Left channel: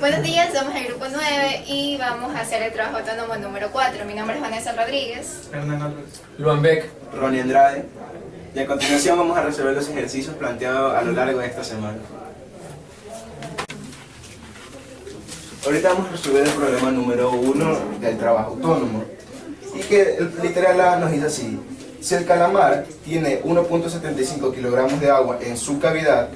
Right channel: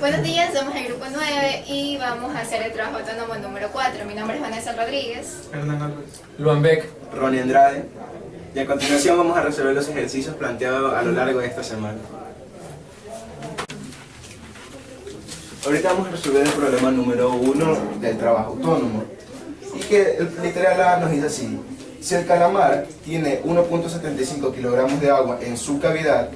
Buenos días, somos el grupo 9 y vamos a hacer el trabajo autónomo número 4. Mi nombre es Vanessa Rodríguez. Hernán Álvarez. Luan Beck. Ronnie Andrade. Y a continuación vamos a resolver los ejercicios planteados a lo largo de esta semana. Ahorita vamos a resolver el problema número 1 del trabajo autónomo. Y que el literal A nos dice así: si el calamar tiene 1.75 kilogramos de agua en su cavidad,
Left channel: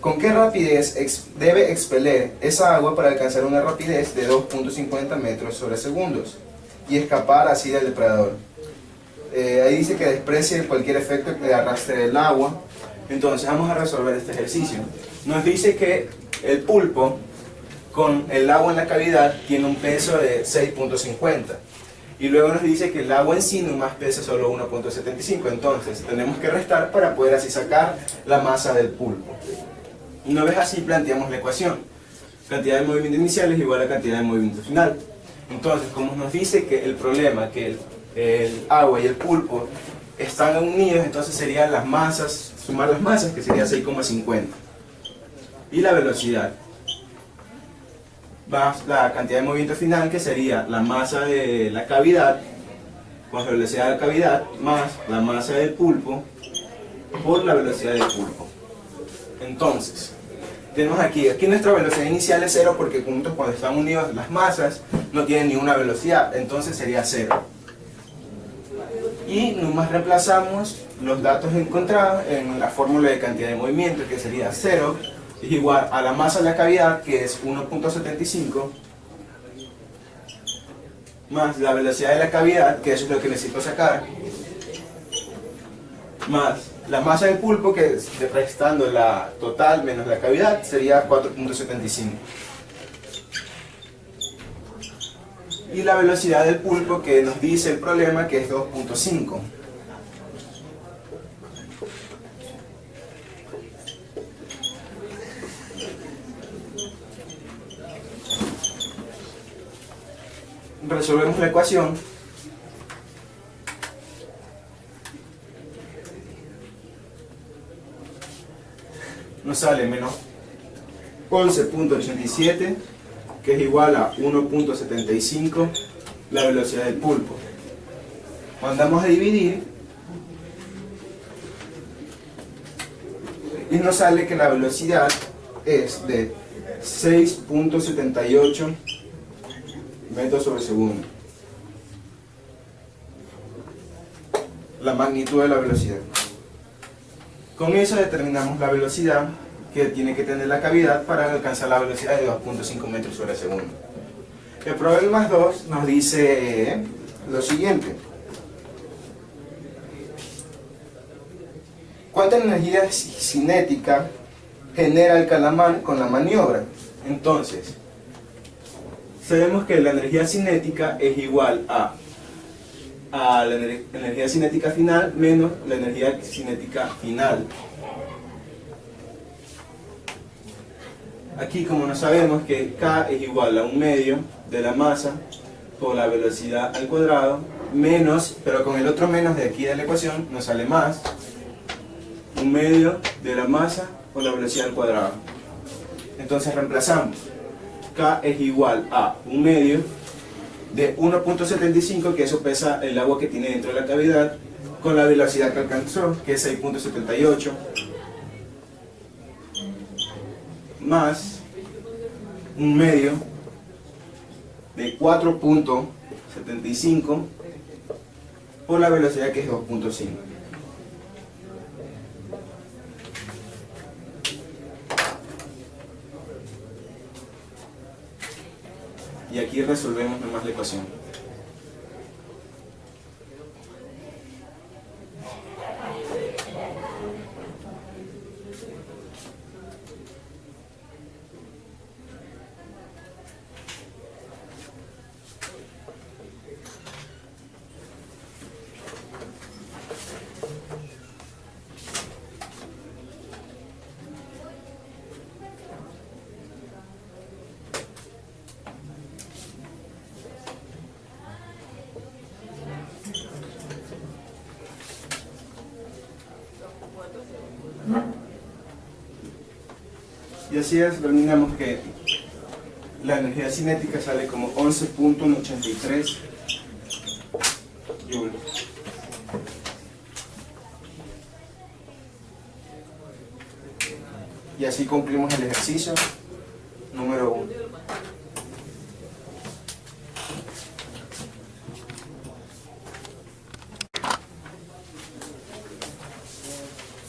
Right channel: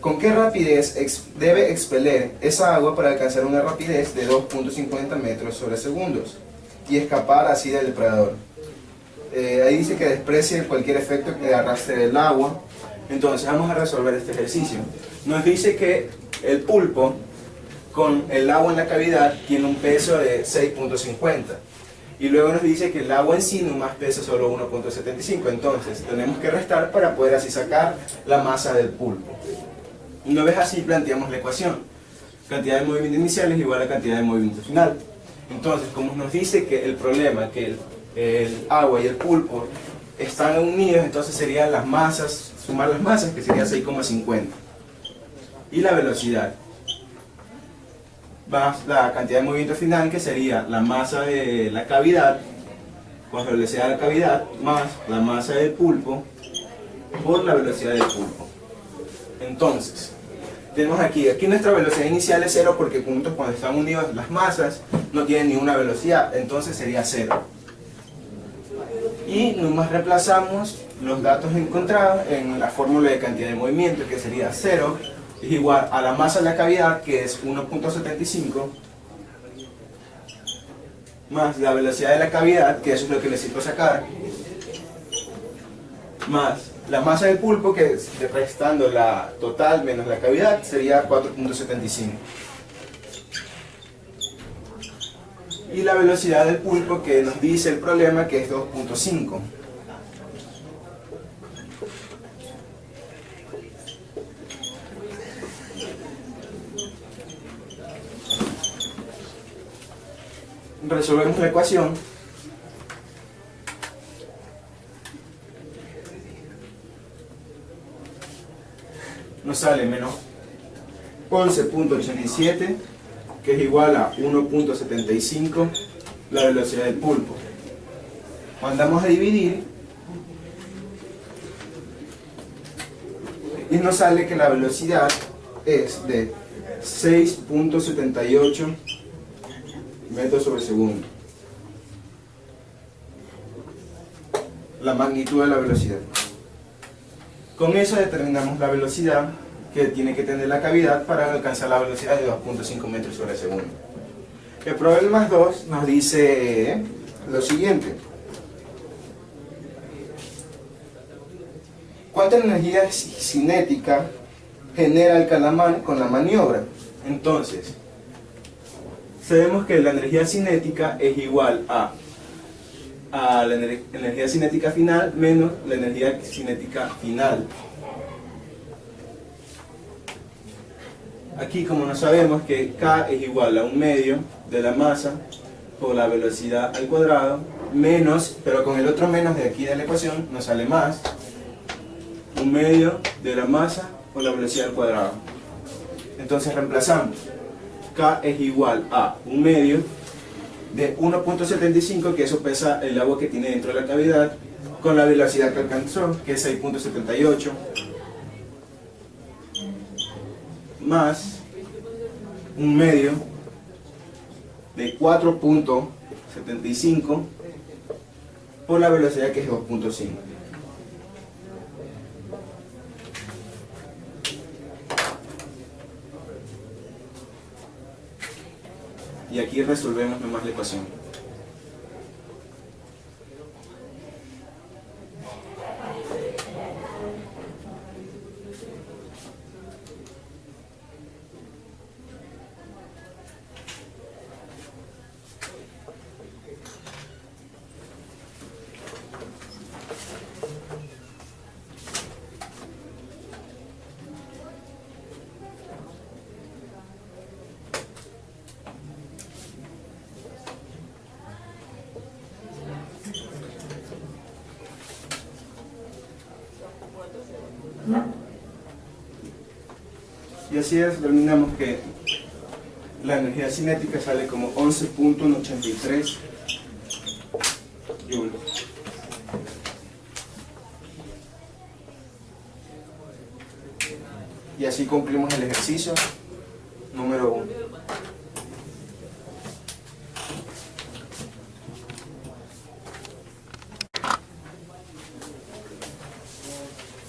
¿con qué rapidez debe expeler esa agua para alcanzar una rapidez de 2.50 metros sobre segundos y escapar así del depredador? Ahí dice que desprecie cualquier efecto que arrastre del agua. Entonces vamos a resolver este ejercicio. Nos dice que el pulpo con el agua en la cavidad tiene un peso de 6.50 y luego nos dice que el agua en sí nomás pesa solo 1.75. Entonces tenemos que restar para poder así sacar la masa del pulpo. Una vez así planteamos la ecuación: cantidad de movimiento inicial es igual a cantidad de movimiento final. Entonces, como nos dice que el problema, que el agua y el pulpo están unidos, entonces serían las masas, sumar las masas, que sería 6,50. Y la velocidad más la cantidad de movimiento final, que sería la masa de la cavidad, con la velocidad de la cavidad, más la masa del pulpo por la velocidad del pulpo. Entonces, tenemos aquí nuestra velocidad inicial es 0 porque juntos cuando están unidas las masas no tienen ninguna velocidad, entonces sería 0. Y nomás reemplazamos los datos encontrados en la fórmula de cantidad de movimiento, que sería 0 es igual a la masa de la cavidad, que es 1.75, más la velocidad de la cavidad, que eso es lo que necesito sacar, más la masa del pulpo, que es restando la total menos la cavidad, sería 4.75. Y la velocidad del pulpo, que nos dice el problema, que es 2.5. Resolvemos la ecuación. Nos sale menos 11.87, que es igual a 1.75 la velocidad del pulpo. Mandamos a dividir y nos sale que la velocidad es de 6.78 metros sobre segundo. La magnitud de la velocidad. Con eso determinamos la velocidad que tiene que tener la cavidad para alcanzar la velocidad de 2.5 metros sobre segundo. El problema 2 nos dice lo siguiente: ¿cuánta energía cinética genera el calamar con la maniobra? Entonces, sabemos que la energía cinética es igual a la energía cinética final menos la energía cinética final. Aquí, como no sabemos que K es igual a 1/2 de la masa por la velocidad al cuadrado, menos, pero con el otro menos de aquí de la ecuación nos sale más, 1/2 de la masa por la velocidad al cuadrado. Entonces reemplazamos. K es igual a 1/2 de 1.75, que eso pesa el agua que tiene dentro de la cavidad, con la velocidad que alcanzó, que es 6.78, más 1/2 de 4.75 por la velocidad, que es 2.5. Y aquí resolvemos nomás la ecuación. Y así es, determinamos que la energía cinética sale como 11.83 joules. Y así concluimos el ejercicio número 1.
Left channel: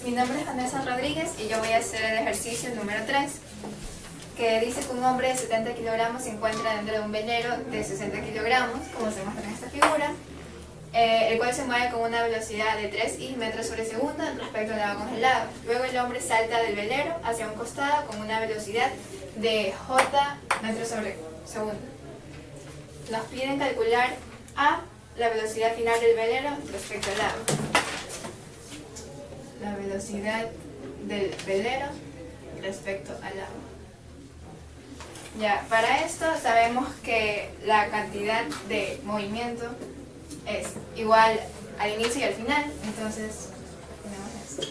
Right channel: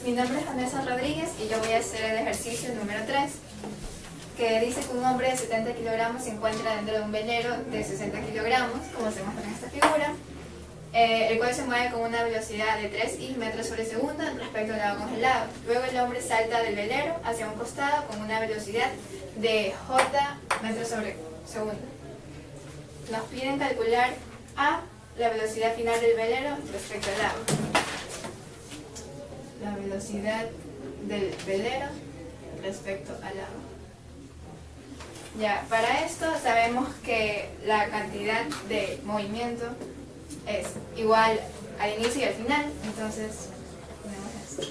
Mi nombre es Vanessa Rodríguez y yo voy a hacer el ejercicio número 3, que dice que un hombre de 70 kilogramos se encuentra dentro de un velero de 60 kilogramos, como se muestra en esta figura, el cual se mueve con una velocidad de 3 metros sobre segundo respecto al agua congelada. Luego el hombre salta del velero hacia un costado con una velocidad de j metros sobre segundo. Nos piden calcular a la velocidad final del velero respecto al agua. La velocidad del velero respecto al agua. Ya, para esto sabemos que la cantidad de movimiento es igual al inicio y al final, entonces ponemos esto.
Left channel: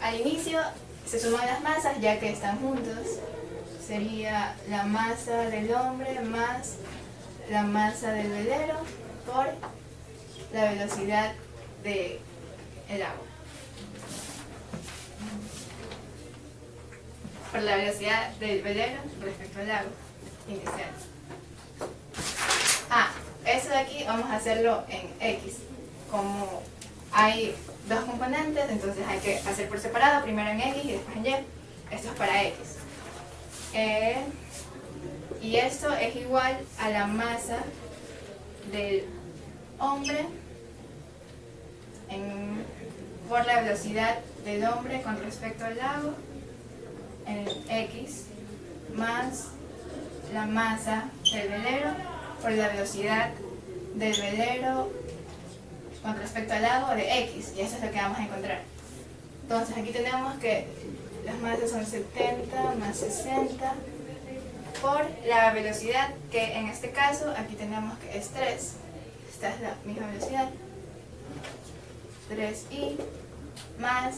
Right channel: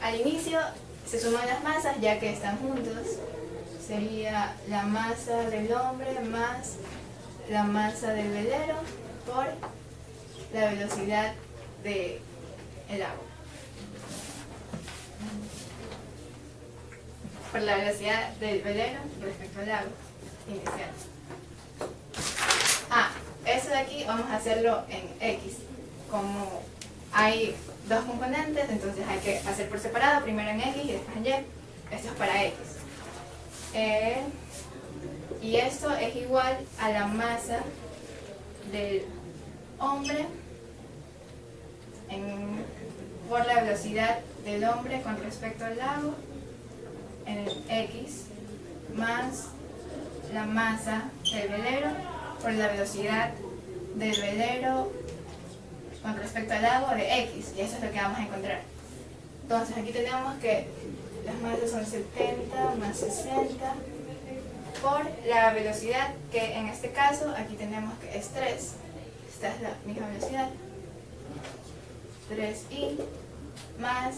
Al inicio se suman las masas ya que están juntos, sería la masa del hombre más la masa del velero por la velocidad del agua. Por la velocidad del velero respecto al agua inicial. Eso de aquí vamos a hacerlo en X. Como hay dos componentes, entonces hay que hacer por separado, primero en X y después en Y. Esto es para X. Y esto es igual a la masa del hombre por la velocidad del hombre con respecto al agua en el X más la masa del velero por la velocidad del velero con respecto al agua de X, y eso es lo que vamos a encontrar. Entonces aquí tenemos que las masas son 70 más 60 por la velocidad, que en este caso aquí tenemos que es 3. Esta es la misma velocidad, 3i, más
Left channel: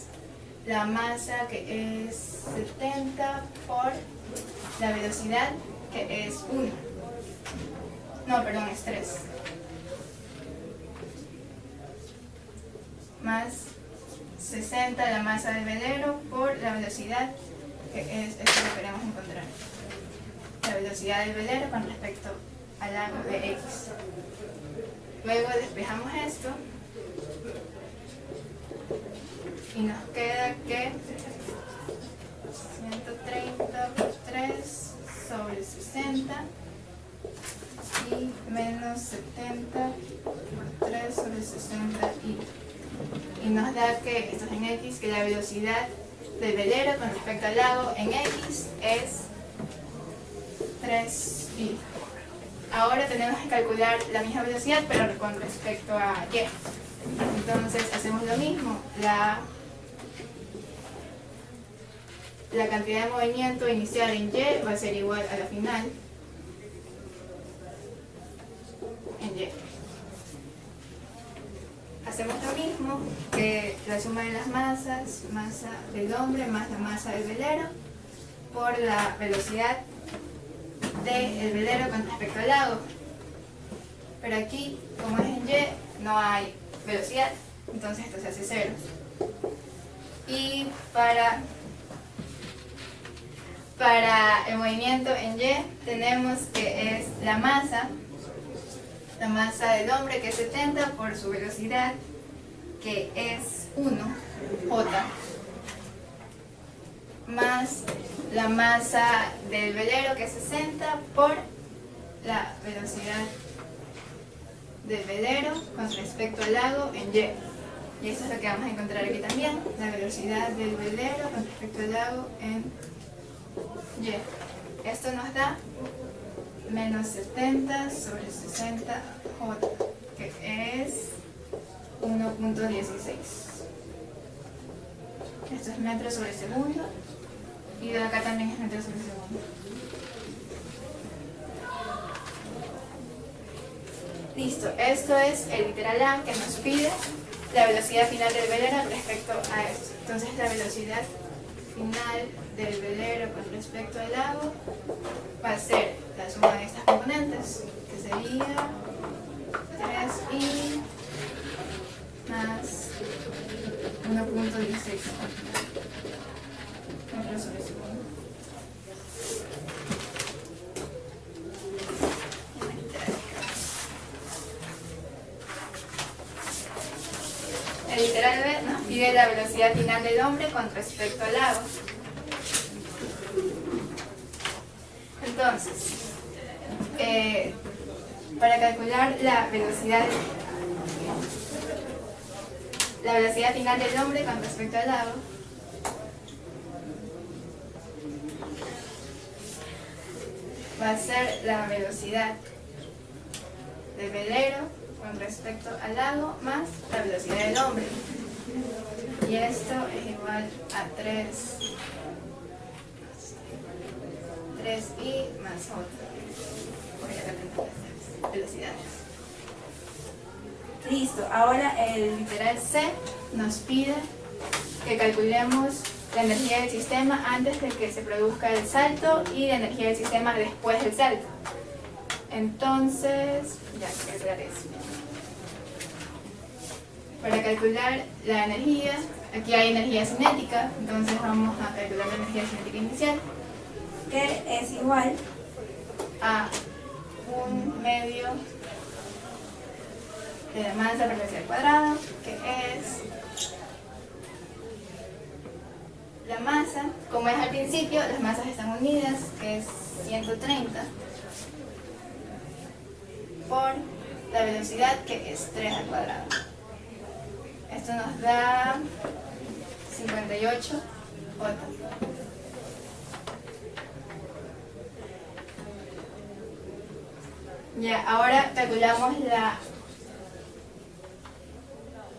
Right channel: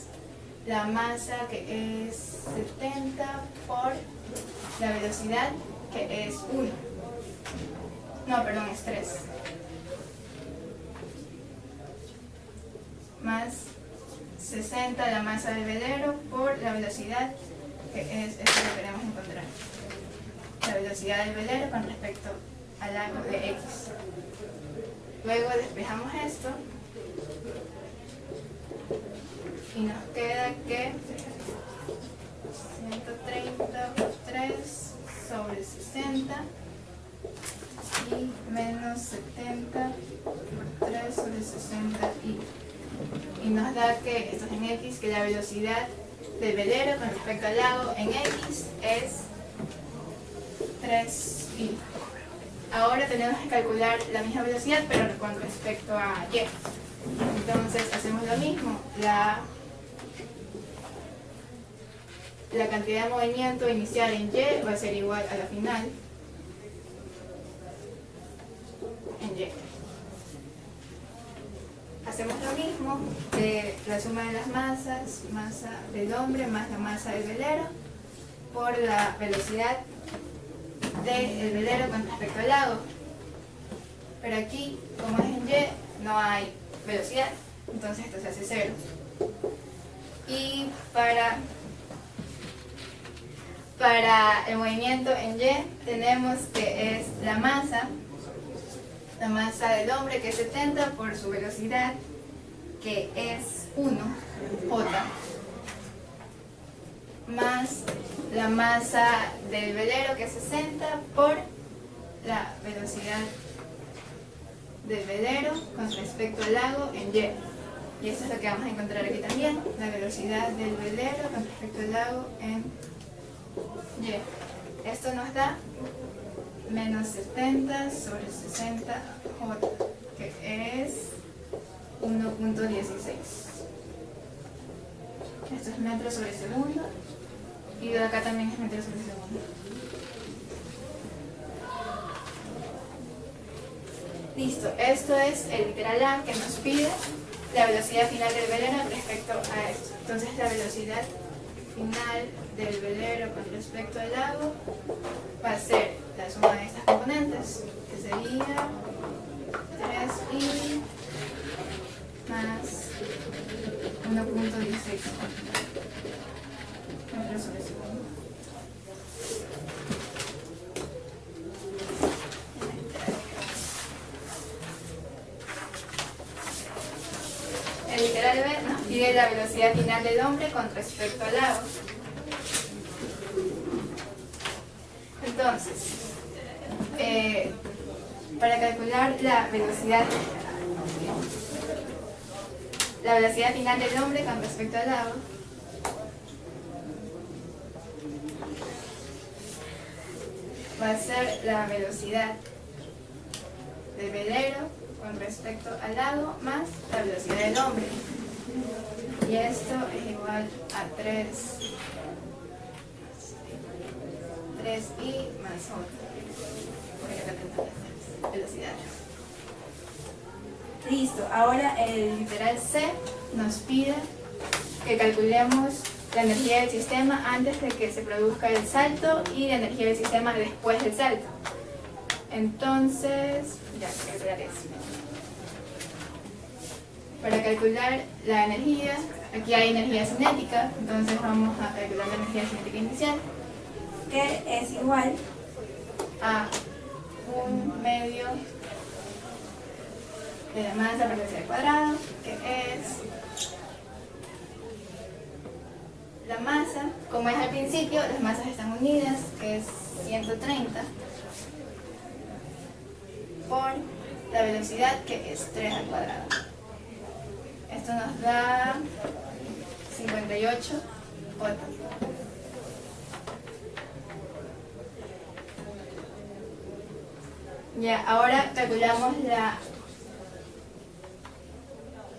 la masa que es 70 por la velocidad que es 1. No, perdón, es 3. Más 60 la masa del velero por la velocidad que es esto que queremos encontrar. La velocidad del velero con respecto al ángulo de X. Luego despejamos esto y nos queda que 130 por 3 sobre 60 y menos 70 por 3 sobre 60 y nos da que esto es en X, que la velocidad del velero con respecto al lago en X es 3i. Ahora tenemos que calcular la misma velocidad pero con respecto a Y. Entonces hacemos lo mismo, la cantidad de movimiento inicial en Y va a ser igual a la final en Y. Hacemos lo mismo que la suma de las masas, masa del hombre más la masa del velero, por la velocidad del velero con respecto al lago. Pero aquí, como es en Y, no hay velocidad, entonces esto se hace 0. Y para el movimiento en Y tenemos que es la masa del hombre que es 70 por su velocidad que es 1, J, más la masa del velero que es 60 por la velocidad del velero con respecto al lago en Y. Y eso es lo que vamos a encontrar aquí también, la velocidad del velero con respecto al lago en Y. Esto nos da menos 70 sobre 60 J, que es 1.16. Esto es metros sobre segundo y de acá también es metros sobre segundo. Listo, esto es el literal A que nos pide la velocidad final del velero respecto a esto. Entonces la velocidad final del velero con respecto al lago va a ser la suma de estas componentes, que sería 3i más 1.16. El literal B nos pide la velocidad final del hombre con respecto al lago. Entonces, para calcular la velocidad final del hombre con respecto al lago, va a ser la velocidad del velero con respecto al lago más la velocidad del hombre. Y esto es igual a 3i más otra. Voy a representar las velocidades. Listo, ahora el literal C nos pide que calculemos la energía del sistema antes de que se produzca el salto y la energía del sistema después del salto. Entonces, ya, calcular eso. Para calcular la energía, aquí hay energía cinética, entonces vamos a calcular la energía cinética inicial, que es igual a 1/2 de la masa por velocidad al cuadrado, que es la masa, como es al principio, las masas están unidas, que es 130, por la velocidad, que es 3 al cuadrado. Esto nos da 58 voltios. Ya, ahora calculamos la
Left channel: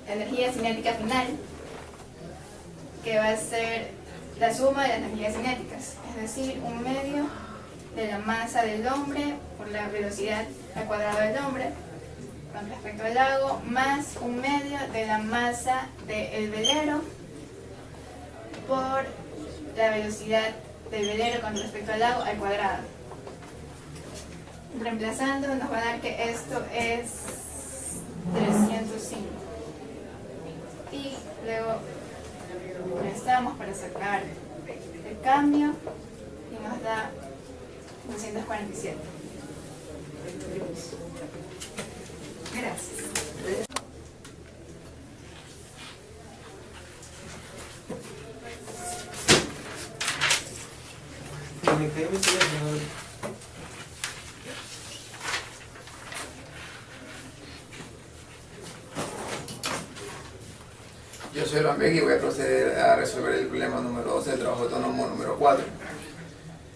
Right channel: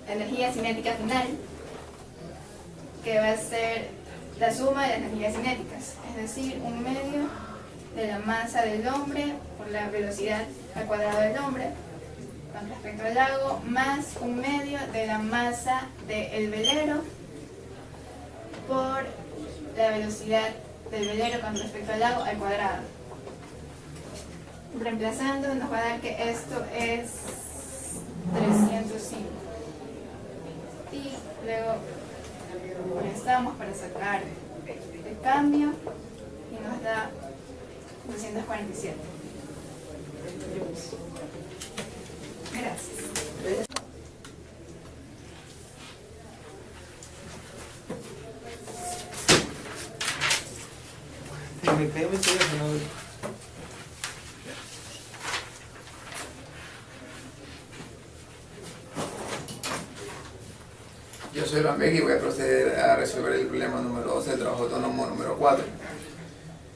energía cinética final, que va a ser la suma de las energías cinéticas, es decir, 1/2 de la masa del hombre por la velocidad al cuadrado del hombre con respecto al lago, más 1/2 de la masa del velero por la velocidad del velero con respecto al lago al cuadrado. Reemplazando nos va a dar que esto es 305. Y luego restamos para sacar el cambio y nos da 247. Gracias. Yo soy Rambek y voy a proceder a resolver el problema número 2 del trabajo autónomo número 4.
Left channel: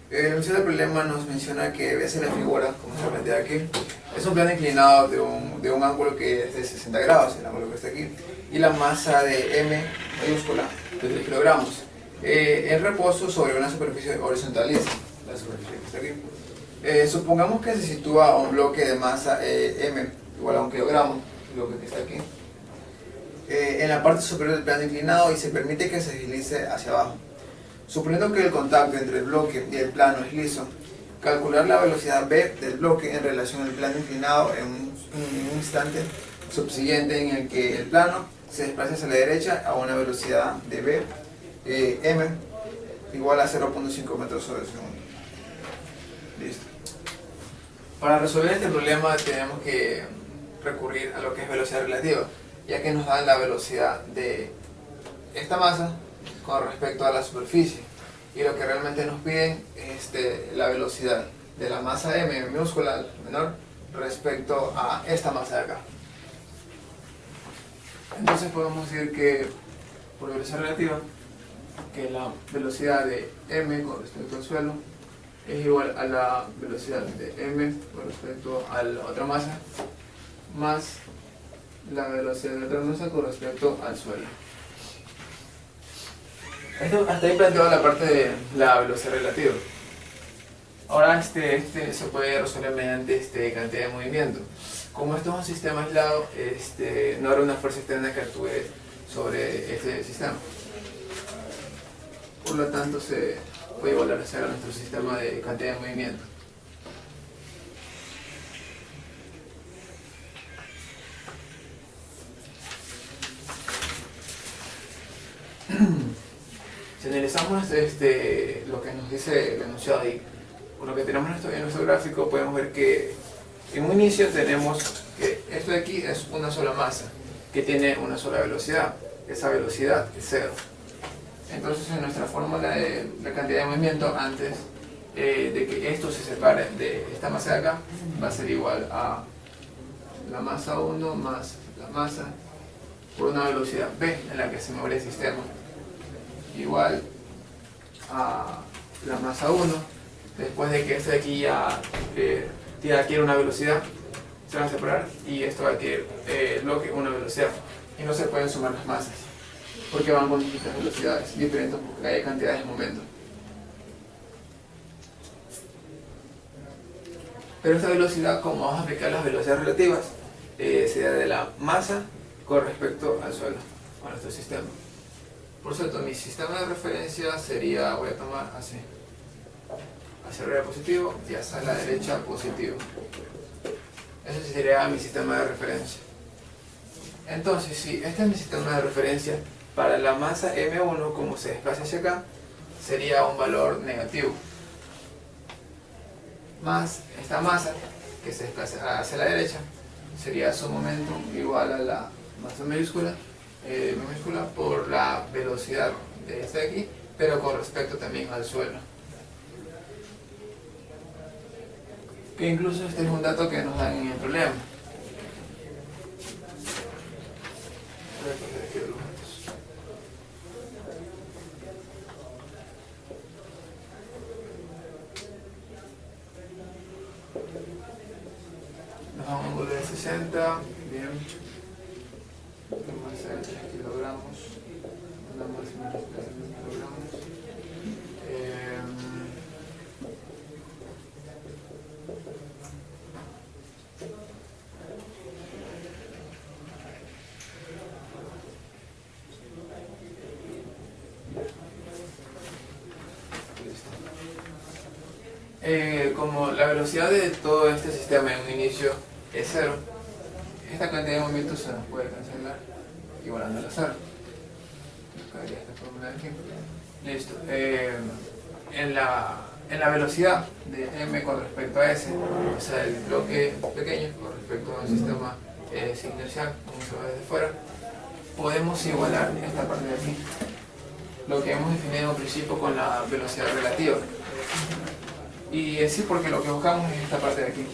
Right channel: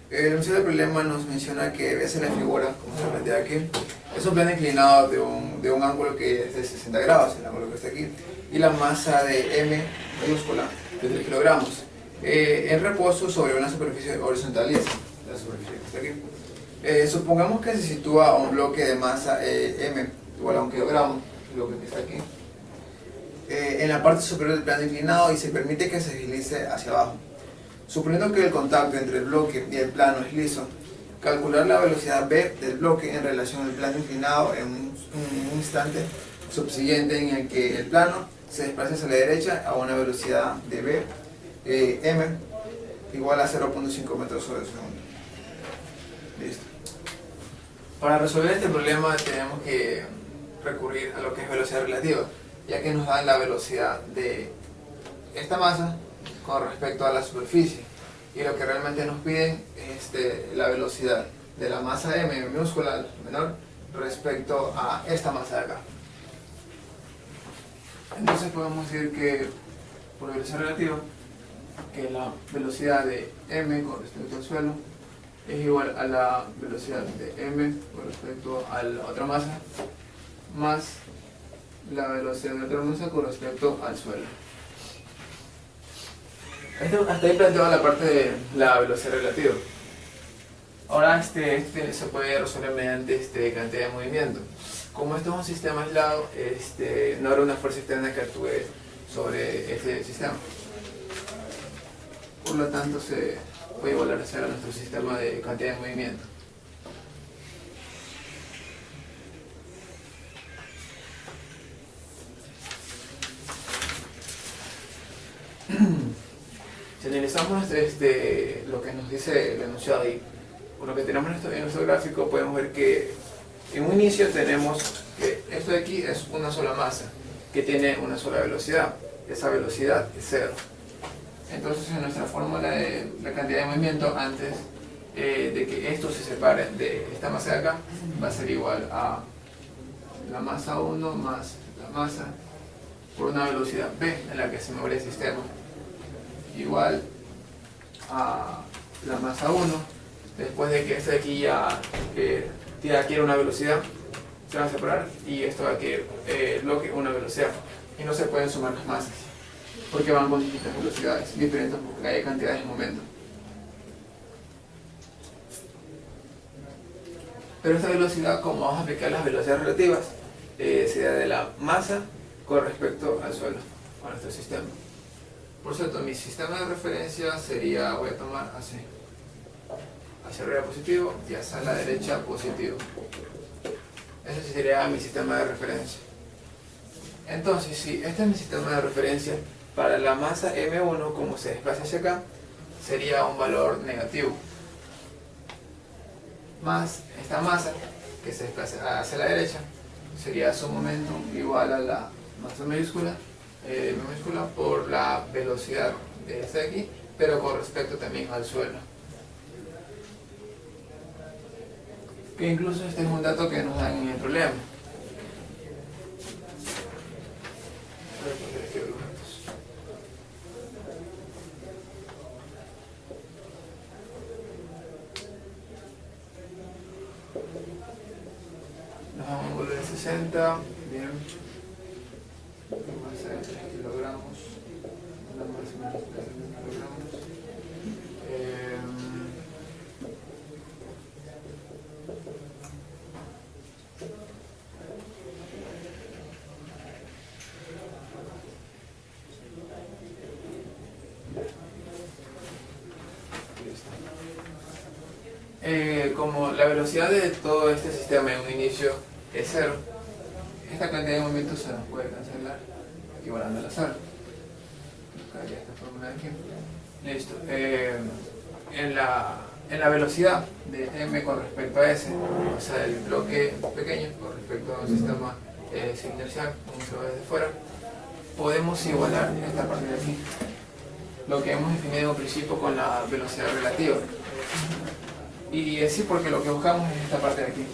El enunciado del problema nos menciona que ves en la figura, como se plantea aquí, es un plano inclinado de un ángulo que es de 60 grados, el ángulo que está aquí, y la masa de M mayúscula de 3 kilogramos, en reposo sobre una superficie horizontal lisa, la superficie que está aquí. Supongamos que se sitúa un bloque de masa M igual a 1 kilogramo, el bloque que está aquí, en la parte superior del plano inclinado y se permite que se deslice hacia abajo. Suponiendo que el contacto entre el bloque y el plano es liso, calcular la velocidad v del bloque en relación al plano inclinado en un instante subsiguiente en el que el plano se desplace hacia la derecha a una velocidad de v m igual a 0.5 metros sobre segundo. Listo. Para resolver este problema tenemos que recurrir a lo que es velocidad relativa, ya que nos dan la velocidad de esta masa con respecto a la superficie, y lo que realmente nos piden es la velocidad de la masa m minúscula menor respecto a esta masa de acá. Entonces podemos decir que por velocidad relativa que la velocidad de m con respecto al suelo es igual a la velocidad de m con respecto a la otra masa más la velocidad de otra masa con respecto al suelo. Hasta ahí planteado la parte de la velocidad relativa. Ahora se puede resolver mediante cantidad de movimiento. Como esto es un sistema aislado, no habrá una fuerza externa que actúe sobre este sistema. por lo tanto se puede igualarizar a nuestro sistema de cantidad de movimiento. Si analizamos lo que nos dice el enunciado ahí, con lo que tenemos en nuestro gráfico, podemos ver que en un inicio tenemos que esto de aquí es una sola masa que tiene una sola velocidad. Esa velocidad es 0. Entonces en nuestra fórmula de la cantidad de movimiento, antes de que esto se separe de esta masa de acá, va a ser igual a la masa 1 más la masa por una velocidad v en la que se mueve el sistema, igual a la masa 1 después de que este de aquí ya adquiere una velocidad, se van a separar y esto va a adquirir una velocidad, y no se pueden sumar las masas porque van con distintas velocidades diferentes porque hay cantidades de momento. Pero esta velocidad, como vamos a aplicar las velocidades relativas, sería de la masa con respecto al suelo, a nuestro sistema. Por cierto, mi sistema de referencia sería, voy a tomar así, hacia arriba positivo y hacia la derecha positivo. Ese sería mi sistema de referencia. Entonces, si este es mi sistema de referencia, para la masa M1, como se desplaza hacia acá, sería un valor negativo. Más esta masa, que se desplaza hacia la derecha, sería su momento igual a la masa minúscula por la velocidad de esta de aquí, pero con respecto también al suelo. Que incluso este es un dato que nos dan en el problema. Nos vamos a un ángulo de 60, bien. Vamos a hacer 3 kilogramos, una más o menos 3 kilogramos. Como la velocidad de todo este sistema en un inicio es 0, esta cantidad de movimientos se nos puede cancelar igualando a 0. Buscaría esta fórmula de aquí. Listo. En la velocidad de m con respecto a s, o sea, el bloque pequeño con respecto a un sistema sin inercial, como se ve desde fuera, podemos igualar esta parte de aquí, lo que hemos definido al principio con la velocidad relativa. Y así porque lo que buscamos es esta parte de aquí,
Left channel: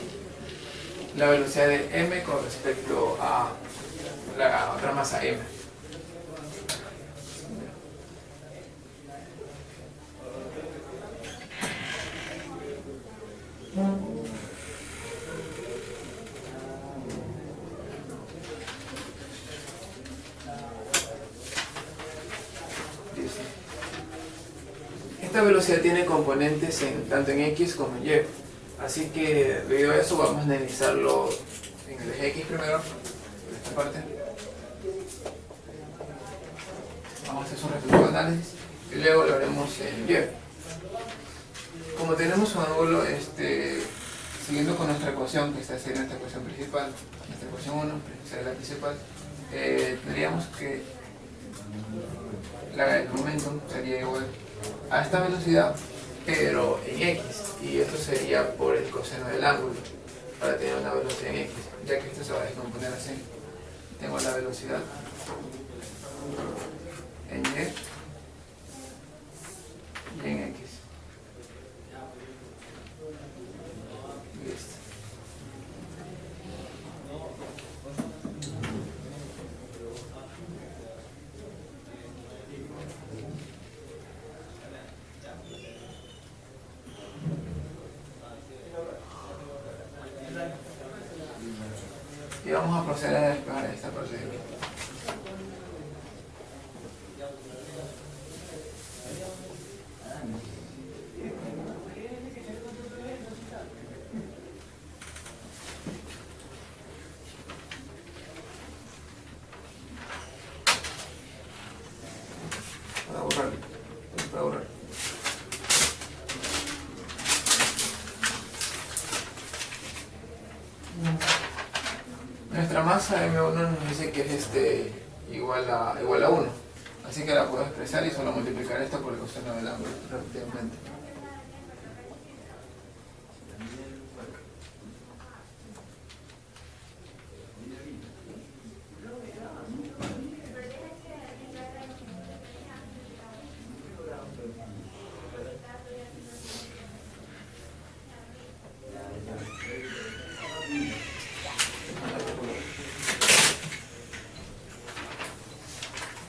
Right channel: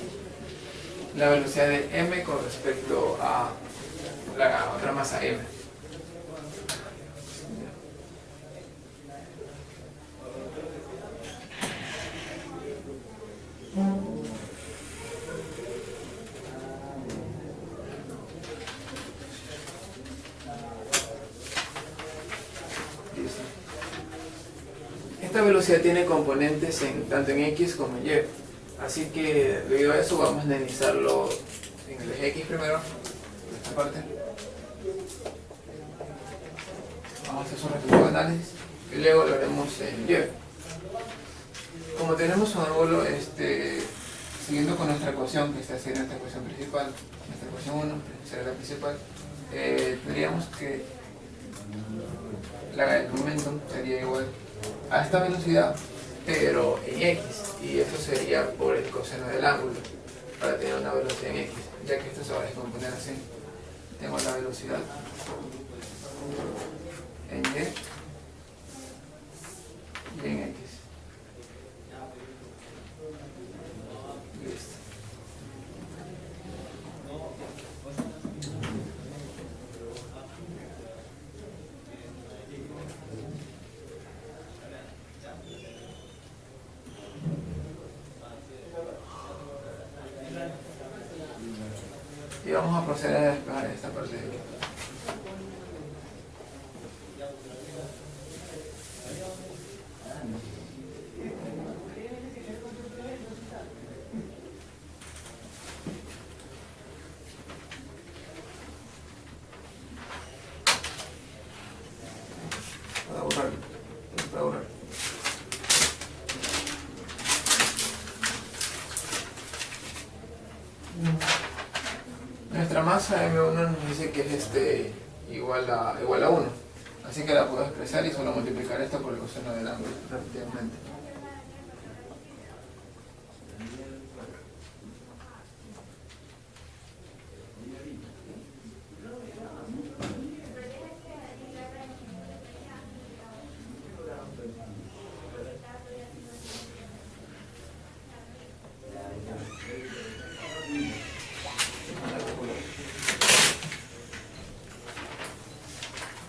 la velocidad de m con respecto a la otra masa m. Esta velocidad tiene componentes tanto en X como en Y, así que debido a eso vamos a analizarlo en el eje X primero, en esta parte. Vamos a hacer un reflejo de análisis y luego lo haremos en Y. Como tenemos un ángulo, siguiendo con nuestra ecuación, que está en nuestra ecuación principal, nuestra ecuación 1, será la principal, tendríamos que el momento sería igual a esta velocidad, pero en X, y esto sería por el coseno del ángulo, para tener una velocidad en X, ya que esto se va a descomponer así. Tengo la velocidad en Y y en X. Listo. Y vamos a proceder a despejar esta parte de aquí. Para borrar. masa M1 nos dice que es igual a 1. Así que la puedo expresar y solo multiplicar esto por el coseno del ángulo, rápidamente.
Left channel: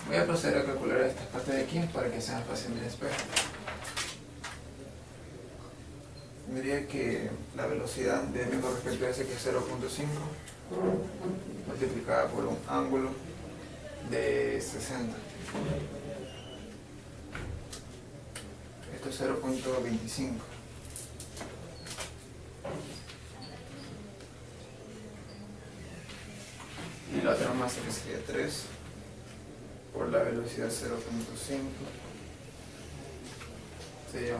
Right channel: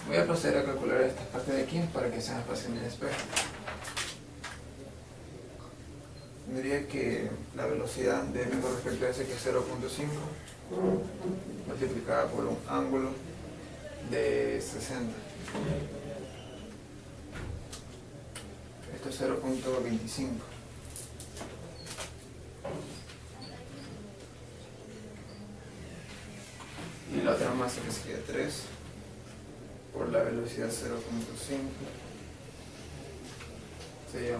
Voy a proceder a calcular esta parte de aquí para que sea más fácil mi despejo. Diría que la velocidad de m con respecto a s, que es 0.5, multiplicada por un ángulo de 60. Esto es 0.25. Y la otra masa, que sería 3 por la velocidad 0.5, sería 1.5.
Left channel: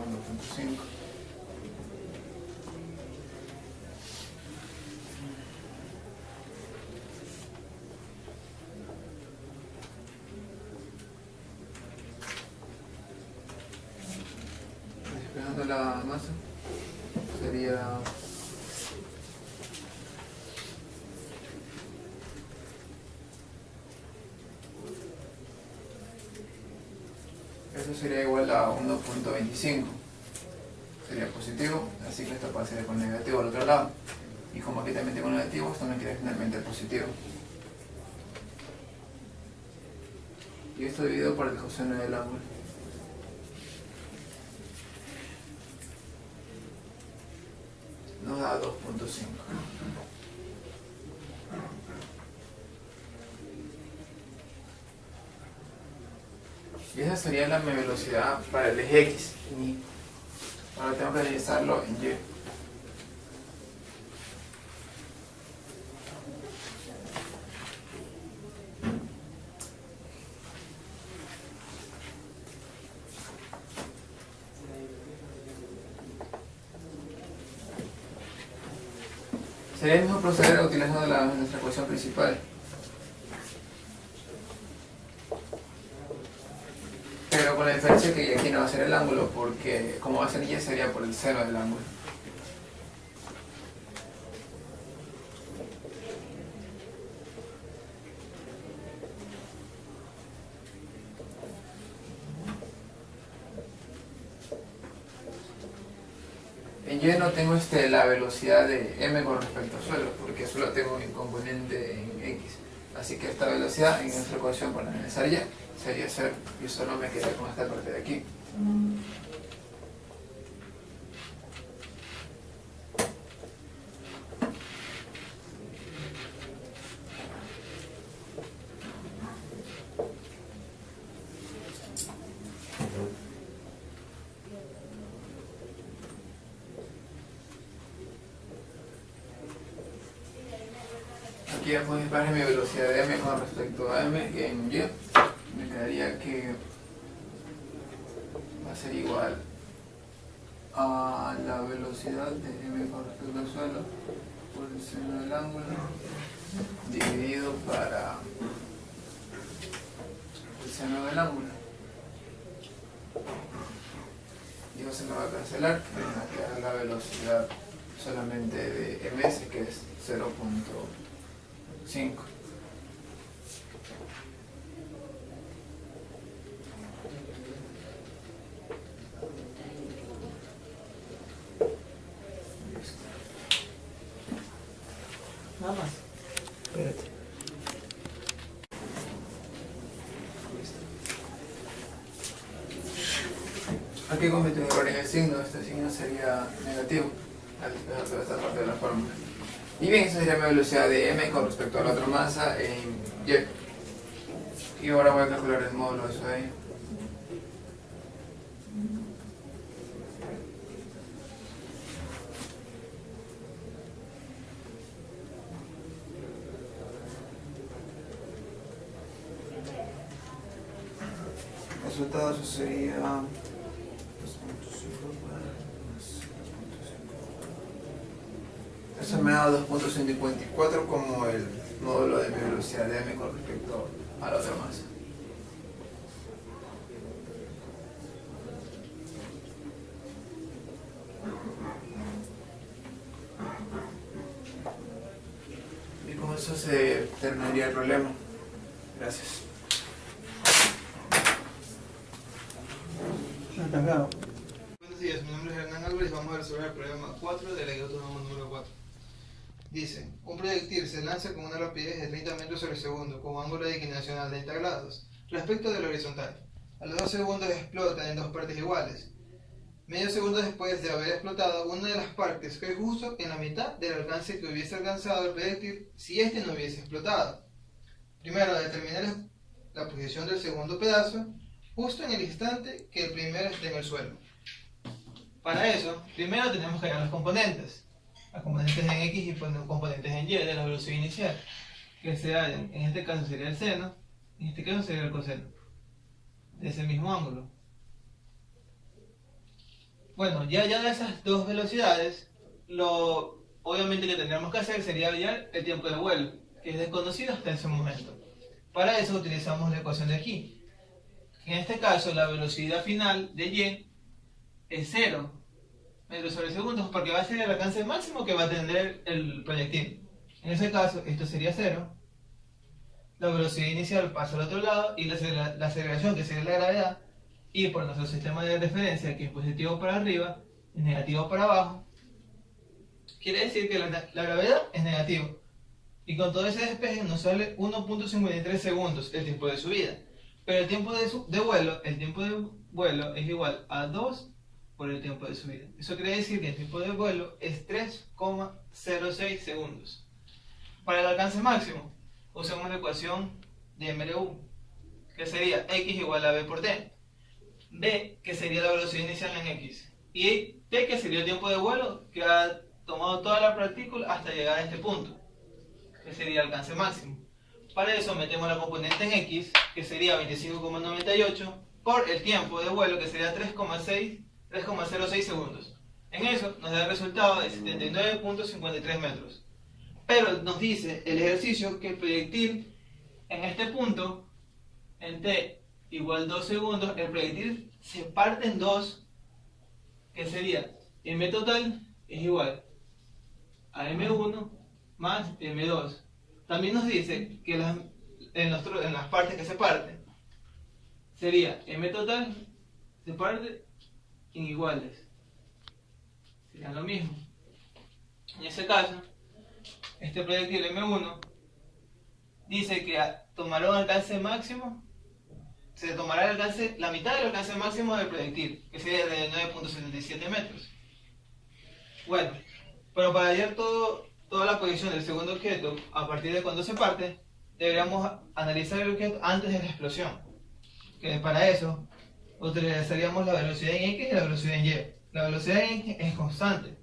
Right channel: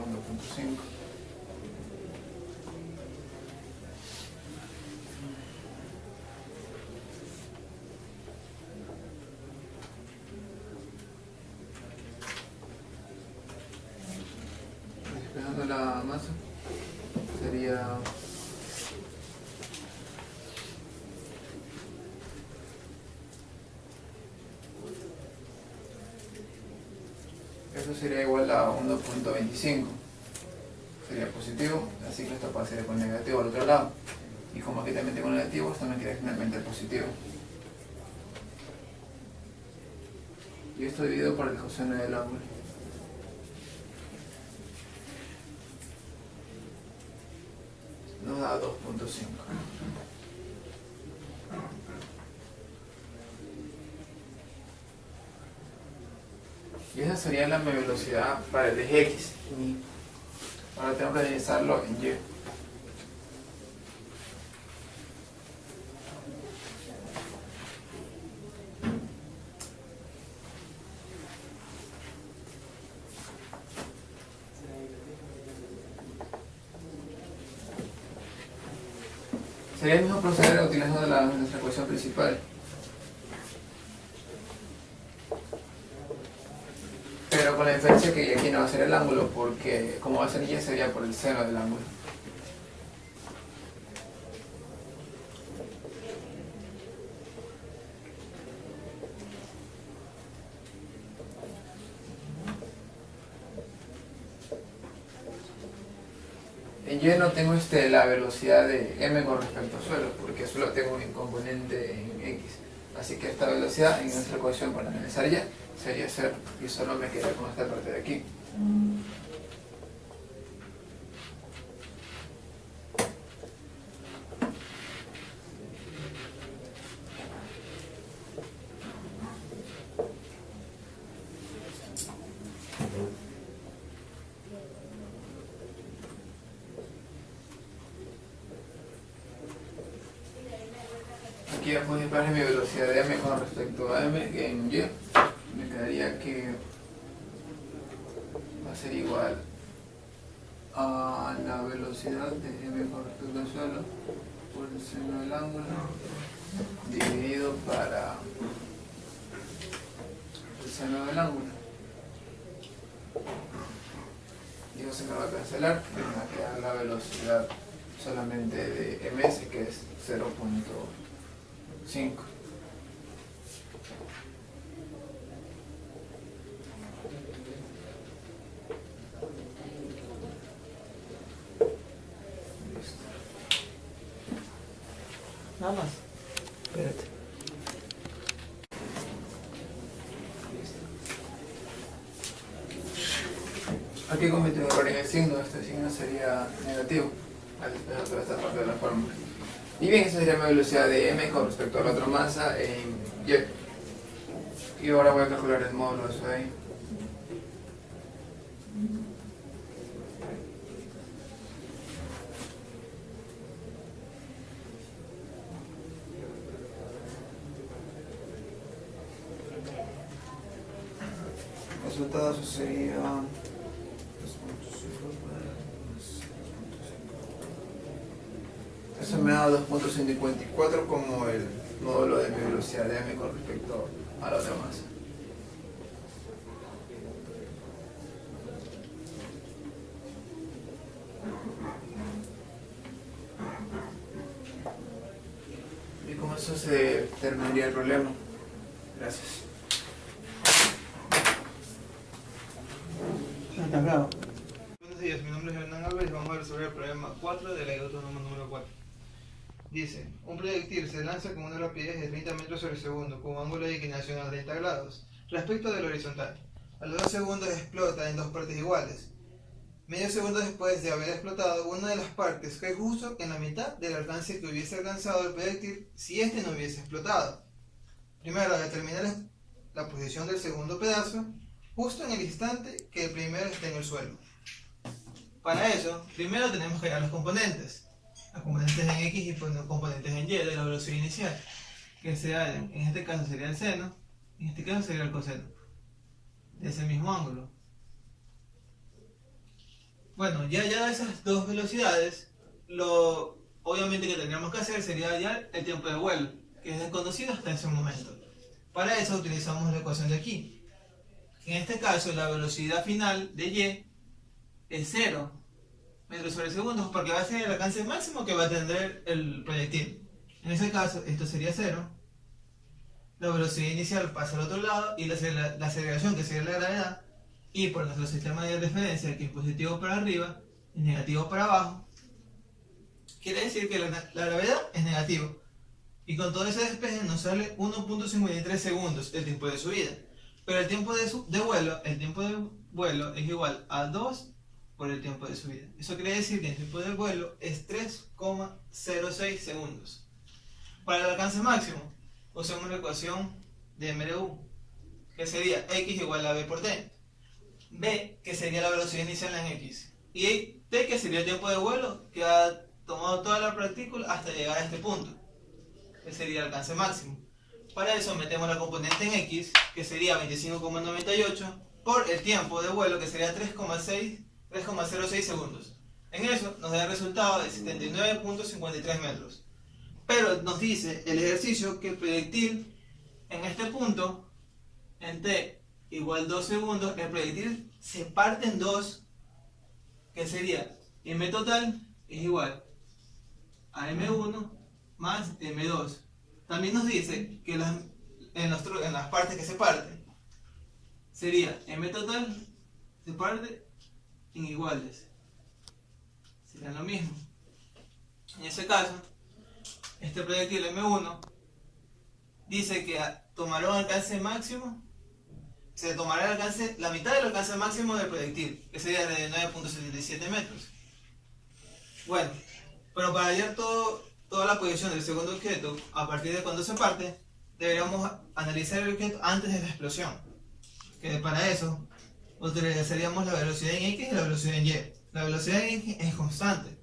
Despejando la masa, sería eso sería igual a 1.25. Sería positivo, así que esto pasaría con negativo al otro lado. Y como aquí también tengo negativo, esto me queda finalmente positivo. Y esto dividido por el coseno del ángulo. Nos da 2.5. Y esa sería la velocidad para el eje X. Y ahora tengo que realizarlo en Y. Sería el mismo proceder utilizando nuestra ecuación principal. Pero con la diferencia que aquí no va a ser el ángulo, porque como va a ser Y, sería por el seno del ángulo. En Y no tengo la velocidad de m con respecto al suelo, porque solo tengo un componente en X. Así que esta velocidad en nuestra ecuación para analizar Y sería 0, y solo me queda con esta parte de aquí. Aquí ya puedo disparar mi velocidad de m con respecto a m en Y. Me quedaría que va a ser igual a la velocidad de m con respecto al suelo por el seno del ángulo dividido para el seno del ángulo. Y eso se me va a cancelar, me va a quedar la velocidad solamente de ms, que es 0.5. Nada más. Espérate. Aquí cometí un error en el signo, este signo sería negativo al despejar toda esta parte de la fórmula. Y bien, esa sería mi velocidad de m con respecto a la otra masa en Y. Y ahora voy a calcular el módulo de eso de ahí. El resultado eso sería 2.5 eso me da 2.54 como el módulo de mi velocidad de m con respecto a la otra masa. Y con eso se terminaría el problema. Gracias. Buenos días, mi nombre es Hernán Álvarez y vamos a resolver el problema 4 de la guía autónoma número 4. Dice, un proyectil se lanza con una rapidez de 30 metros sobre segundo con un ángulo de inclinación a 30 grados respecto del horizontal. A los 2 segundos explota en dos partes iguales. Medio segundo después de haber explotado, una de las partes cae justo en la mitad del alcance que hubiese alcanzado el proyectil si este no hubiese explotado. Primero, determina la posición del segundo pedazo justo en el instante que el primero esté en el suelo. Para eso, primero tenemos que hallar los componentes. Los componentes en X y componentes en Y de la velocidad inicial, que se hallan, en este caso sería el seno, en este caso sería el coseno, de ese mismo ángulo. Bueno, ya hallado esas dos velocidades, lo obviamente que tendríamos que hacer sería hallar el tiempo de vuelo, que es desconocido hasta ese momento. Para eso utilizamos la ecuación de aquí. En este caso, la velocidad final de Y es 0 metros sobre segundo, porque va a ser el alcance máximo que va a tener el proyectil. En ese caso, esto sería 0. La velocidad inicial pasa al otro lado y la aceleración, que sería la gravedad, y por nuestro sistema de referencia, que es positivo para arriba y negativo para abajo, quiere decir que la gravedad es negativo. Y con todo ese despeje nos sale 1.53 segundos el tiempo de subida. Pero el tiempo de vuelo es igual a 2 por el tiempo de subida. Eso quiere decir que el tiempo de vuelo es 3,06 segundos. Para el alcance máximo, usamos la ecuación de MLU, que sería x igual a b por t. B, que sería la velocidad inicial en x. Y t, que sería el tiempo de vuelo que ha tomado toda la partícula hasta llegar a este punto, que sería el alcance máximo. Para eso metemos la componente en x, que sería 25,98, por el tiempo de vuelo, que sería 3,06 segundos. En eso nos da el resultado de 79,53 metros. Pero nos dice el ejercicio que el proyectil en este punto, en t igual 2 segundos, el proyectil se parte en dos, que sería m total es igual a m1 más m2. También nos dice que en las partes que se parten, sería m total se parte en iguales. Serían lo mismo. En ese caso, este proyectil M1 dice que tomará un alcance máximo, se tomará la mitad del alcance máximo del proyectil, que sería de 9,77 metros. Bueno, pero para hallar toda la posición del segundo objeto a partir de cuando se parte, deberíamos analizar el objeto antes de la explosión. Que para eso utilizaríamos la velocidad en X y la velocidad en Y. La velocidad en X es constante,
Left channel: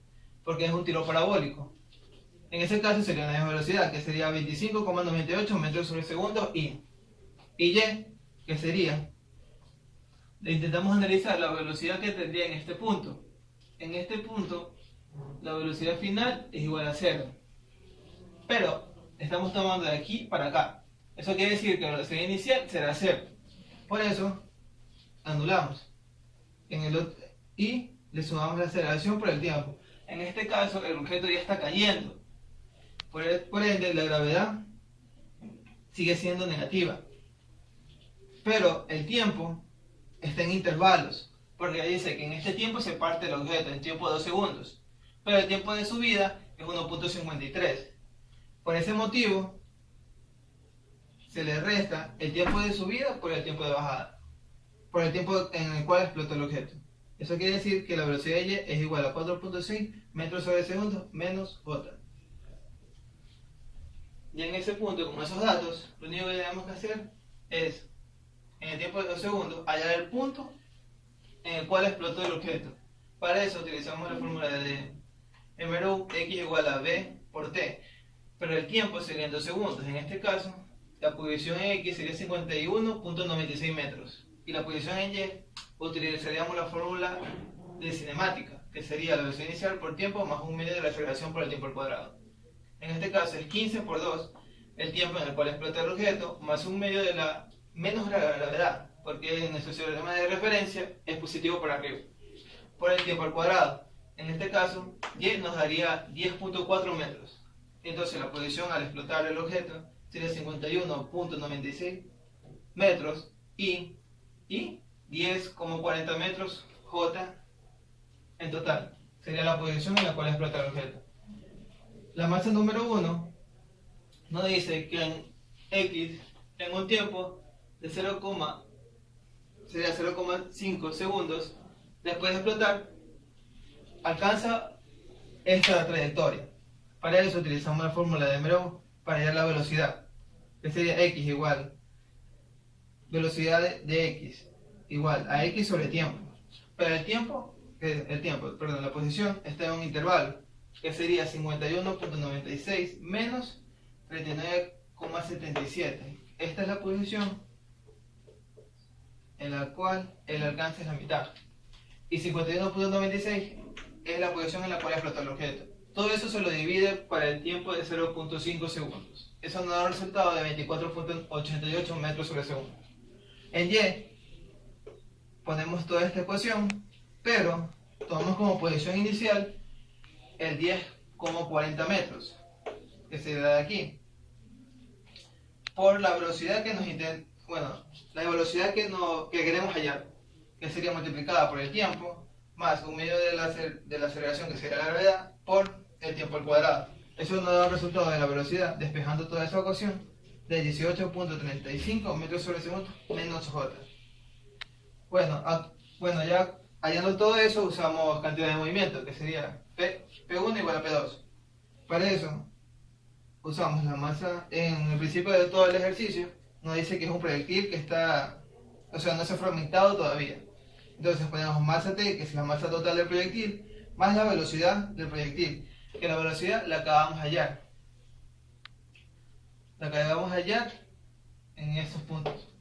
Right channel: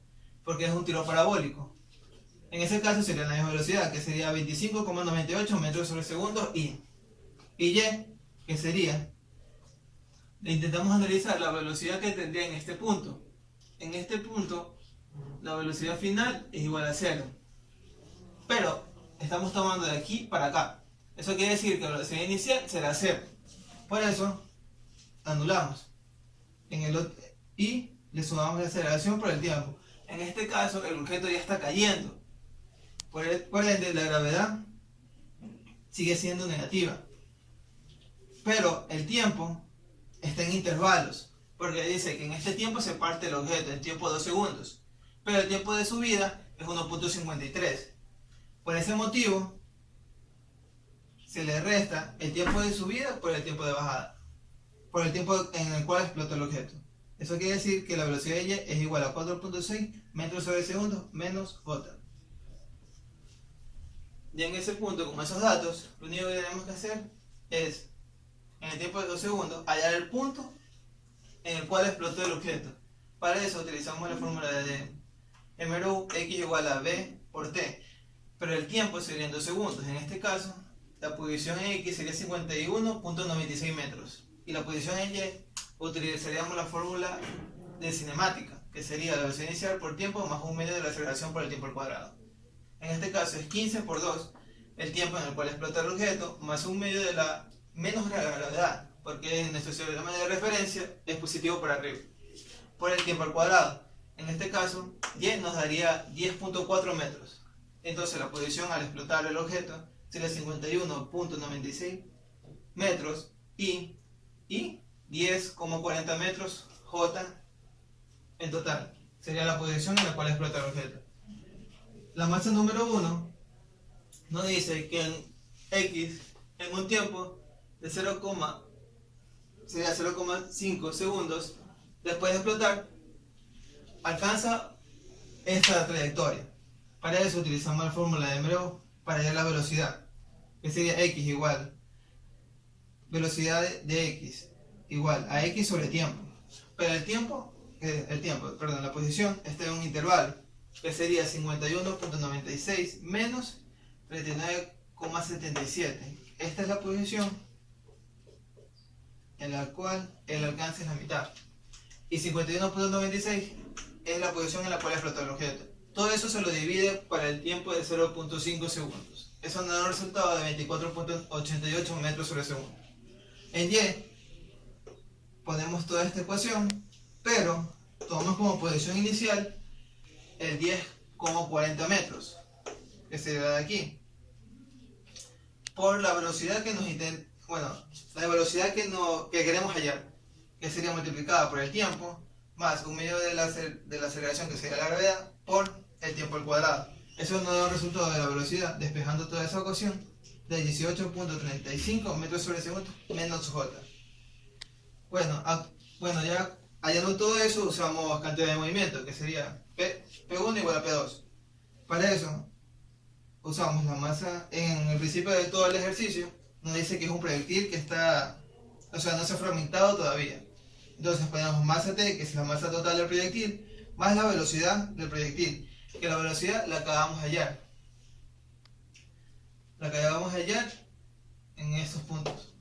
porque es un tiro parabólico. En ese caso sería la misma velocidad, que sería 25,98 metros sobre segundo y Y, que sería, intentamos analizar la velocidad que tendría en este punto. En este punto, la velocidad final es igual a 0. Pero estamos tomando de aquí para acá. Eso quiere decir que la velocidad inicial será 0. Por eso, anulamos. Y le sumamos la aceleración por el tiempo. En este caso, el objeto ya está cayendo. Por ende, la gravedad sigue siendo negativa. Pero el tiempo está en intervalos. Porque dice que en este tiempo se parte el objeto en tiempo de 2 segundos. Pero el tiempo de subida es 1.53. Por ese motivo, se le resta el tiempo de subida por el tiempo de bajada, por el tiempo en el cual explotó el objeto. Eso quiere decir que la velocidad de Y es igual a 4.6 metros sobre segundo menos J. Ya en ese punto, con esos datos, lo único que tenemos que hacer es, en el tiempo de 2 segundos, hallar el punto en el cual explotó el objeto. Para eso utilizamos la fórmula de MRU, x igual a b por t, pero el tiempo sería en 2 segundos. En este caso, la posición en x sería 51,96 metros. Y la posición en y, utilizaríamos la fórmula de cinemática, que sería la velocidad inicial por tiempo más un medio de la aceleración por el tiempo al cuadrado. En este caso es 15 por 2, el tiempo en el cual explota el objeto, más un medio de la menos gravedad, porque en nuestro teorema de referencia es positivo para arriba, por el tiempo al cuadrado. En este caso, y nos daría 10.4 metros. Entonces la posición al explotar el objeto sería 51.96 metros y 10,40 metros J en total. Sería la posición en la cual explota el objeto. La masa número 1 nos dice que en X, en un tiempo de 0,5 segundos después de explotar, alcanza esta trayectoria. Para eso utilizamos la fórmula de Mero para hallar la velocidad, que sería X igual velocidad de X igual a X sobre tiempo. Pero la posición está en un intervalo, que sería 51.96 menos 39,77. Esta es la posición en la cual el alcance es la mitad. Y 51.96 es la posición en la cual explotó el objeto. Todo eso se lo divide para el tiempo de 0.5 segundos. Eso nos da un resultado de 24.88 metros sobre segundo. En Y ponemos toda esta ecuación, pero tomamos como posición inicial el 10,40 metros, que sería de aquí, por la velocidad que la velocidad que queremos hallar, que sería multiplicada por el tiempo, más un medio de la aceleración, que sería la gravedad, por el tiempo al cuadrado. Eso nos da un resultado de la velocidad, despejando toda esa ecuación, de 18.35 metros sobre segundo menos J. Bueno, ya hallando todo eso, usamos cantidad de movimiento, que sería P1 igual a P2. Para eso, usamos la masa. En el principio de todo el ejercicio, nos dice que es un proyectil que no se ha fragmentado todavía. Entonces ponemos masa T, que es la masa total del proyectil, más la velocidad del proyectil, que la velocidad la acabamos de hallar. La acabamos de hallar en estos puntos,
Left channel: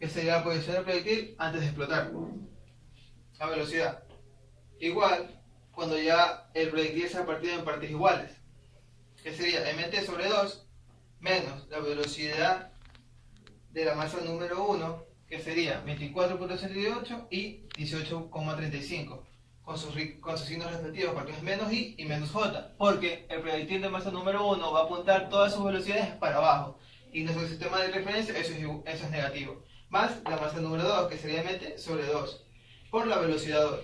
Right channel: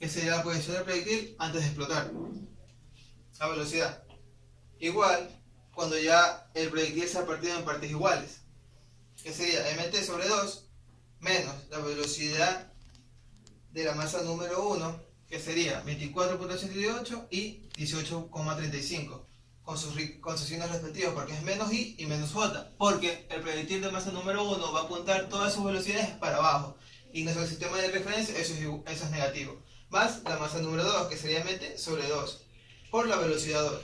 que sería la posición del proyectil antes de explotar. La velocidad. Igual, cuando ya el proyectil se ha partido en partes iguales, que sería mt sobre 2 menos la velocidad de la masa número 1, que sería 24.88 y 18,35, con sus signos respectivos, porque es menos i y menos j, porque el proyectil de masa número 1 va a apuntar todas sus velocidades para abajo, y en nuestro sistema de referencia eso es negativo, más la masa número 2, que sería mt sobre 2, por la velocidad 2.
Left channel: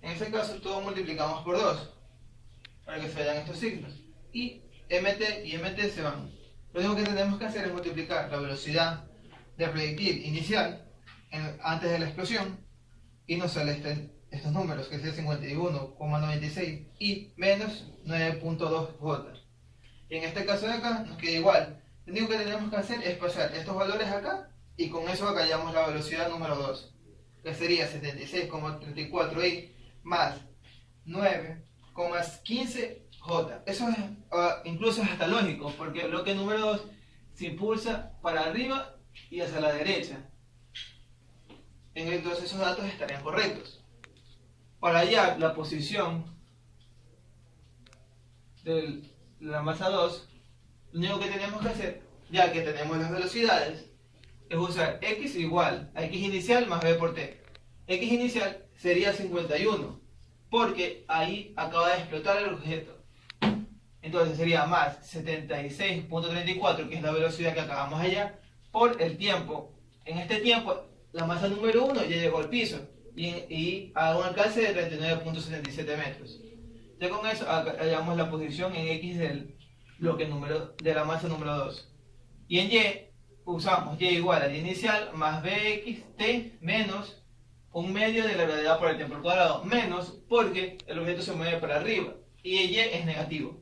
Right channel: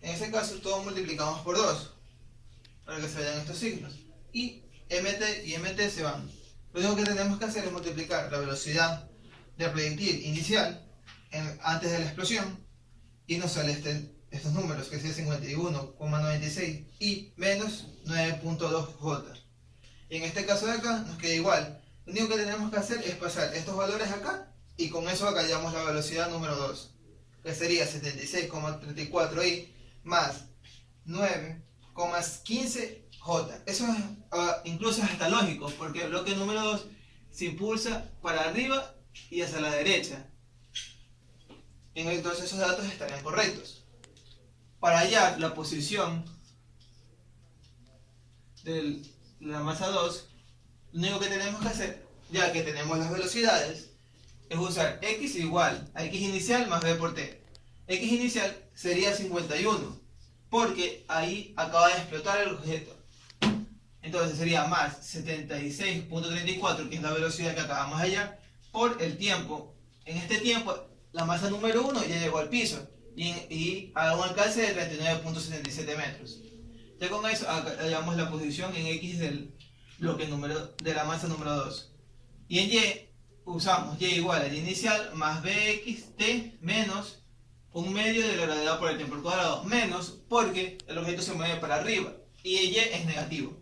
En este caso todo multiplicamos por 2, para que se vayan estos signos, y mt y mt se van. Lo único que tenemos que hacer es multiplicar la velocidad del proyectil inicial antes de la explosión, y nos sale estos números, que sería 51,96 y menos 9.2 J. Y en este caso de acá nos queda igual. Lo único que tenemos que hacer es pasar estos valores acá, y con eso acá hallamos la velocidad número 2, que sería 76,34 i más 9,15 J. Eso es, incluso es hasta lógico, porque el bloque número 2 se impulsa para arriba y hacia la derecha. Entonces esos datos estarían correctos. Para hallar la posición de la masa 2, lo único que tenemos que hacer, ya que tenemos las velocidades, es usar x igual a x inicial más b por t. X inicial sería 51, porque ahí acaba de explotar el objeto. Entonces sería más 76.34, que es la velocidad que acabamos de hallar, por el tiempo. En este tiempo, la masa número 1 ya llegó al piso y a un alcance de 39.77 metros. Ya con eso hallamos la posición en X del bloque de la masa número 2. Y en Y usamos Y igual a Y inicial más BXT menos un medio de la gravedad por el tiempo al cuadrado, menos porque el objeto se mueve para arriba y Y es negativo.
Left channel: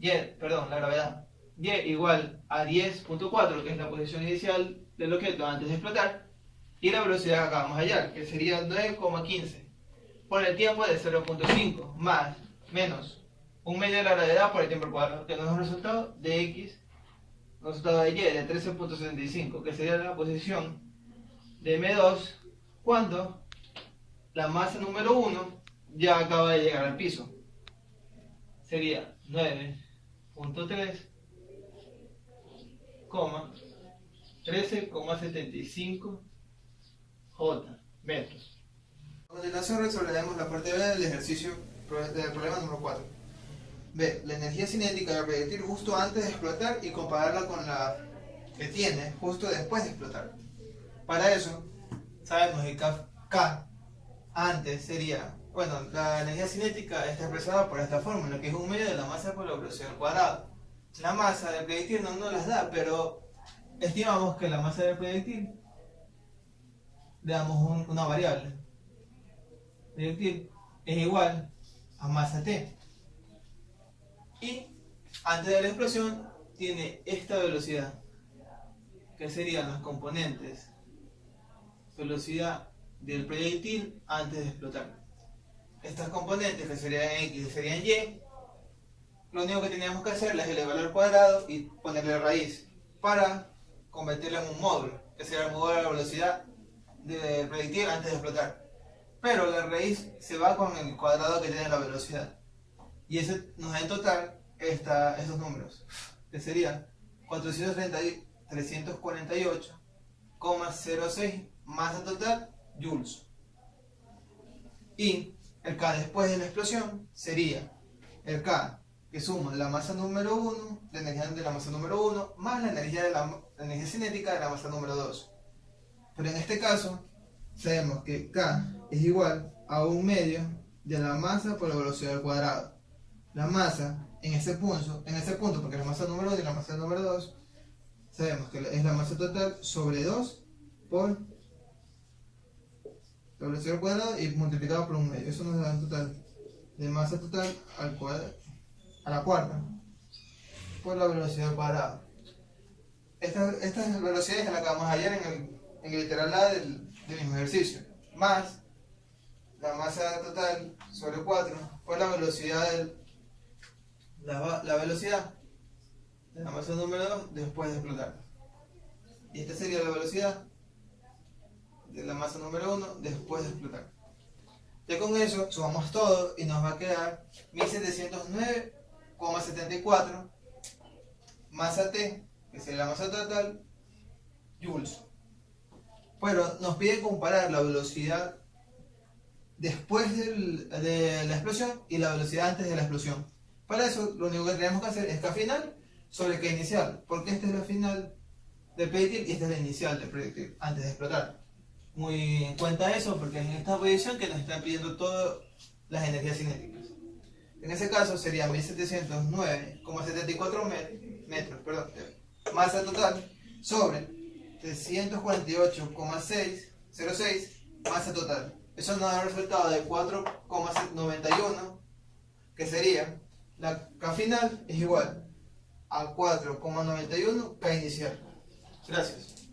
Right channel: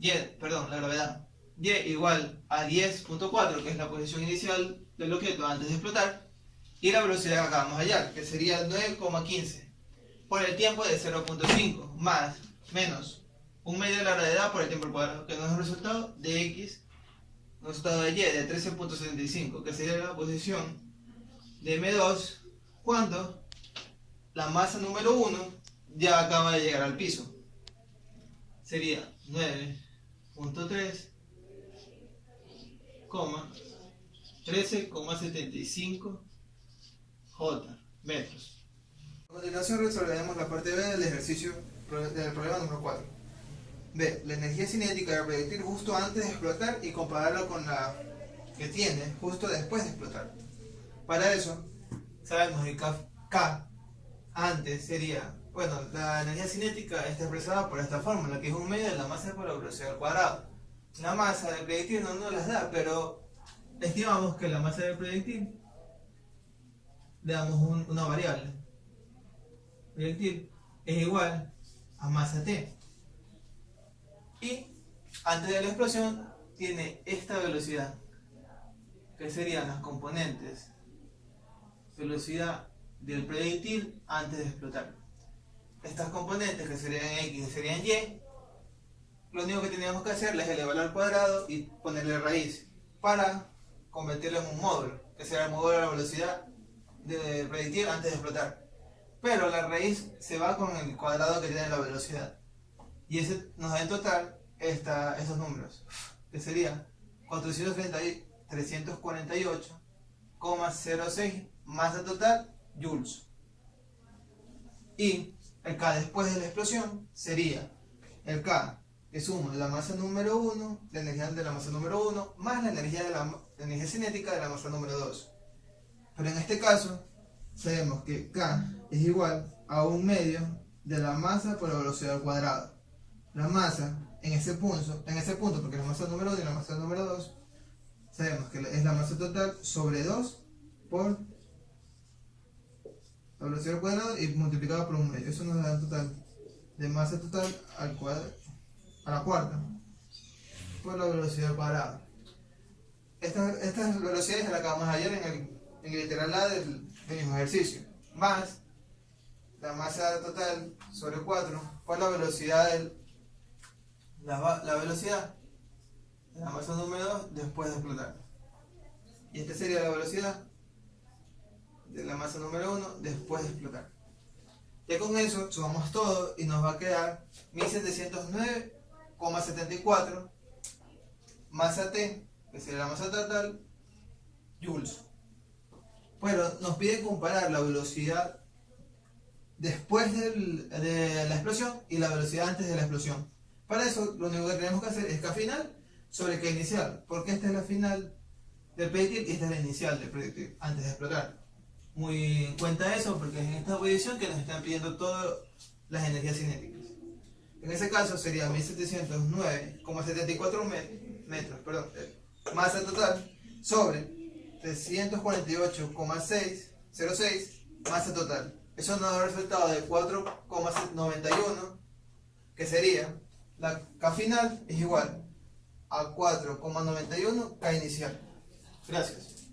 La gravedad. Y igual a 10.4, que es la posición inicial del objeto antes de explotar, y la velocidad que acabamos de hallar, que sería 9,15 por el tiempo de 0.5 más menos un medio de la gravedad por el tiempo al cuadrado, que nos da un resultado de X, un resultado de Y de 13.75, que sería la posición de M2 cuando la masa número 1 ya acaba de llegar al piso. Sería 9.3 13,75 J metros. A continuación resolveremos la parte B del ejercicio del problema número 4. B. La energía cinética del proyectil justo antes de explotar y compararla con la que tiene justo después de explotar. Para eso, sabemos que K antes sería, bueno, la energía cinética está expresada por esta fórmula, que es un medio de la masa por la velocidad al cuadrado. La masa del proyectil no nos las da, pero estimamos que la masa del proyectil, le damos una variable. El proyectil es igual a masa T. Y antes de la explosión tiene esta velocidad, que serían las componentes velocidad del proyectil antes de explotar. Estas componentes, que serían X y serían Y, lo único que teníamos que hacer es elevarlo al cuadrado y ponerle raíz para convertirlo en un módulo, que será el módulo de la velocidad del proyectil antes de explotar. Pero la raíz se va con el cuadrado que tiene la velocidad. Y ese nos da en total esos números, que serían 348,06 masa total joules. Y el K después de la explosión sería el K que suma la masa número 1, la energía de la masa número 1, más la energía cinética de la masa número 2. Pero en este caso, sabemos que K es igual a un medio de la masa por la velocidad al cuadrado. La masa en ese punto, porque la masa número 1 y la masa número 2, sabemos que es la masa total sobre 2 por la velocidad al cuadrado y multiplicado por un medio. Eso nos da el total de masa total al cuadrado, a la cuarta por la velocidad al cuadrado. Estas velocidades las acabamos ayer en el literal A del mismo ejercicio, más la masa total sobre 4 por la velocidad la velocidad de la masa número 2 después de explotar. Y esta sería la velocidad de la masa número 1 después de explotar. Ya con eso sumamos todo y nos va a quedar 1709,74 masa T, que sería la masa total, joules. Pero nos pide comparar la velocidad después de la explosión y la velocidad antes de la explosión. Para eso lo único que tenemos que hacer es K final sobre K inicial, porque esta es la final del proyectil y esta es la inicial del proyectil antes de explotar. Muy en cuenta eso, porque es en esta posición que nos están pidiendo todas las energías cinéticas. En ese caso sería 1709,74 metros, masa total sobre 348,606 masa total. Eso nos da el resultado de 4,91, que sería la K final es igual a 4,91 K inicial. Gracias.